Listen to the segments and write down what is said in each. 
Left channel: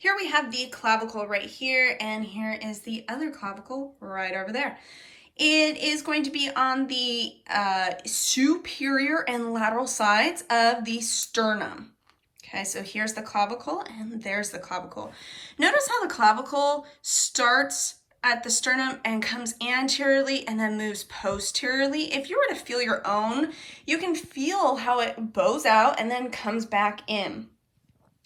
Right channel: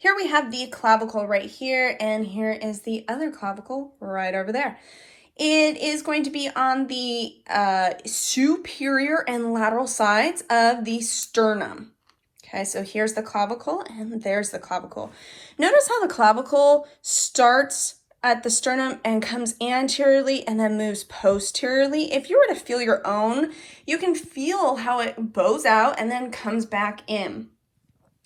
Here we have the clavicle right here, and here is the other clavicle right over there. It is going to be on the superior and lateral sides of the sternum. Okay, so here's the clavicle and there's the clavicle. Notice how the clavicle starts at the sternum and comes anteriorly and then moves posteriorly. If you were to feel your own, you can feel how it bows out and then comes back in.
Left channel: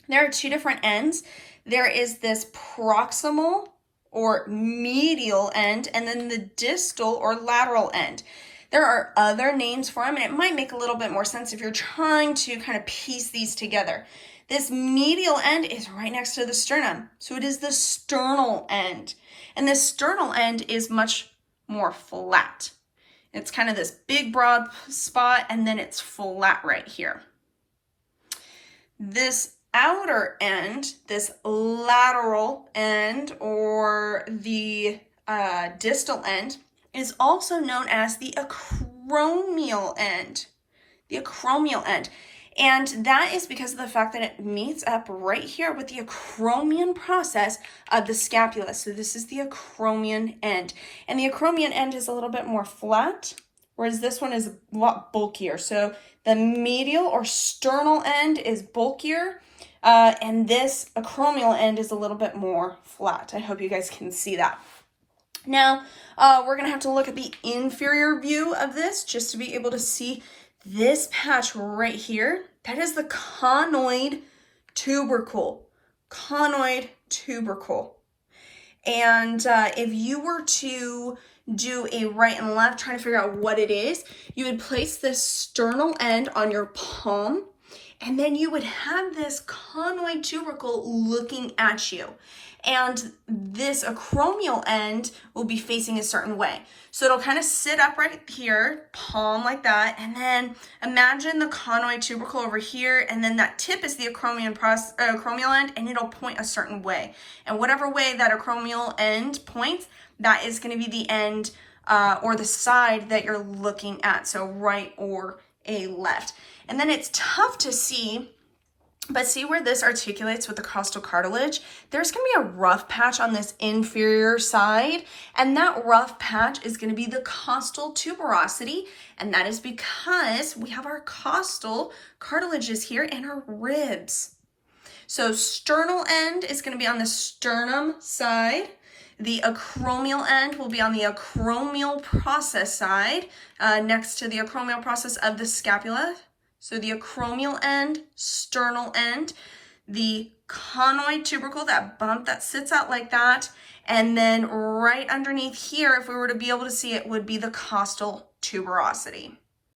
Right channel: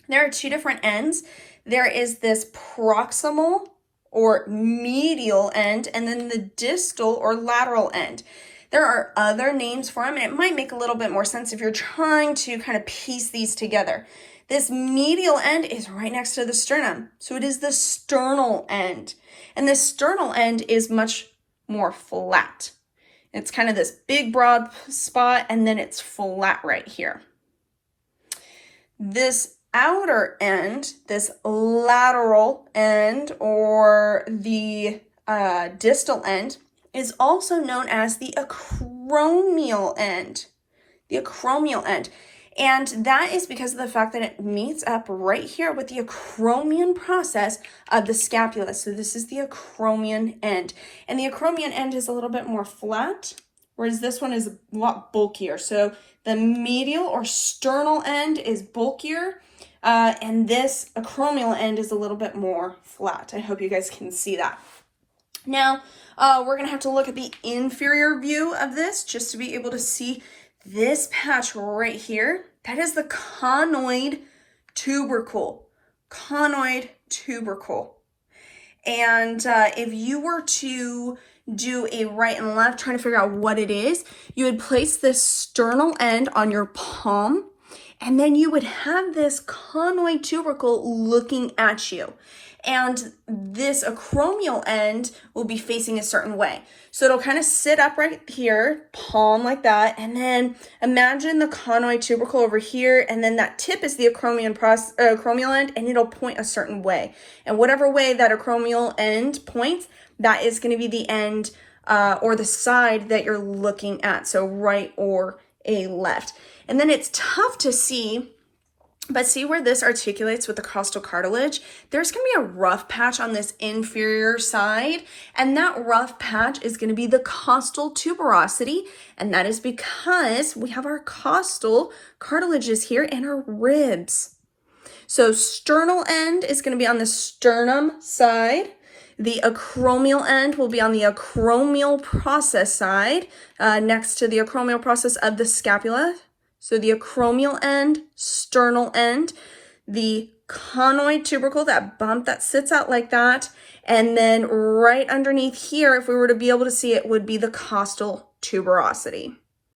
There are two different ends. There is this proximal or medial end, and then the distal or lateral end. There are other names for them, and it might make a little bit more sense if you're trying to kind of piece these together. This medial end is right next to the sternum, so it is the sternal end. And the sternal end is much more flat. It's kind of this big broad spot, and then it's flat right here. This outer end, this lateral end or the distal end, is also known as the acromial end. The acromial end. And that is because of the fact that it meets up right here with the acromion process of the scapula. So this is the acromion end. And the acromion end is a little bit more flat, whereas this one is a lot bulkier. So the medial or sternal end is bulkier, and this acromial end is a little bit more flat. I hope you guys can see that. Now, we're going to have to look at the inferior view of this just to be able to see this patch right here. That is the conoid tubercle. Conoid tubercle. And if you were to do a right and left, trying to figure out what it is, you would place this sternal end on your palm, and then you would have this conoid tubercle looking at you. And this acromial end will be facing a certain way. So it'll kind of sit up right here, palm like that, and then imagine the conoid tubercle over here, and then that tip is the acromial end, and it'll point a certain way. And whatever way that acromial end points, that is going to be the end or the side that you're looking at, so right or a left. And then it's tough to see, but see where this articulates with the costal cartilage? There's going to be a rough patch on this inferior side, and that rough patch is going to be the costal tuberosity, and that is because we have our costal cartilages here and our ribs. So sternal end is going to be on the sternum side. The acromial end will be on the acromial process side, next to the acromial process of the scapula. So the acromial end, sternal end, the conoid tubercle, that bump that sits out like that, and then right underneath here, if we were to be able to see it, would be the costal tuberosity.